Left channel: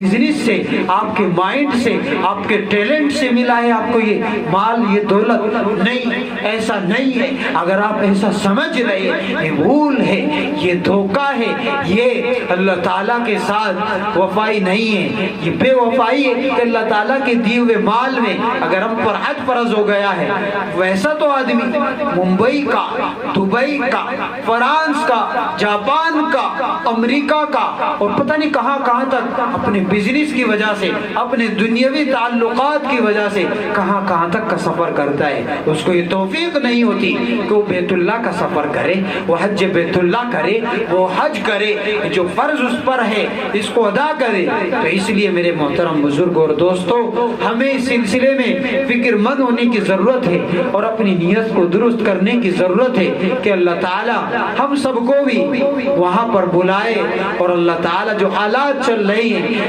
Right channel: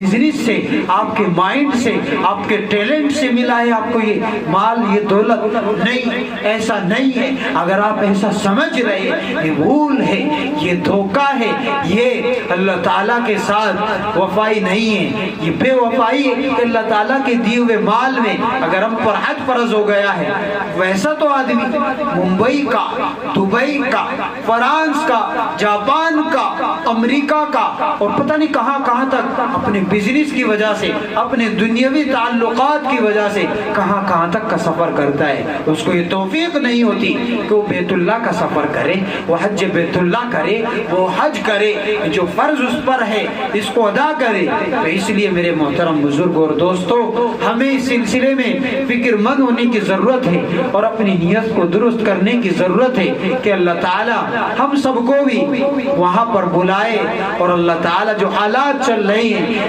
Business سے، آپ کے مائنڈ سے، آپ کے ٹیلنٹ سے ملا ہے آپ کو یہ مال، یہ دولت نہیں، ایسا نہیں ہے۔ اگر آپ ایسا سمجھ رہے ہیں یہ بھول ہے، یہ دھوکہ ہے، یہ اللہ تعالیٰ کے ساتھ وفائی نہیں ہے، یہ بے وفائی ہے کہ اللہ تعالیٰ کے دیے ہوئے مال میں اگر ہم پر حج فرض ہو گیا ہے، ویسا تو آدمی ممبئی کا، دبئی کا، فرانس کا، جاپان کا، امریکہ کا اور پتہ نہیں کہاں کہاں تک اپنے بزنس کی وجہ سے، اپنے دنیاوی تعلقات کی وجہ سے کہاں کہاں تک کا سفر کرتا ہے۔ اس کو یہ توفیق نہیں ہوتی کہ وہ بیت اللہ کا سفر کرے، وہ حج بیت اللہ کرے، وہ حج کرے، جو فرض اس پر ہے اس کو ادا کرے۔ تو اس لیے میرے محترم بزرگ اور دوستو، ہمیں اس سلسلے میں فکر مند ہونے کی ضرورت ہے اور اپنی نیت کو درست کرنے کی ضرورت ہے کہ اللہ تعالی ہم سب کو بھی وہاں پر بلائے، اور اللہ تعالی جو حالات چل رہے ہیں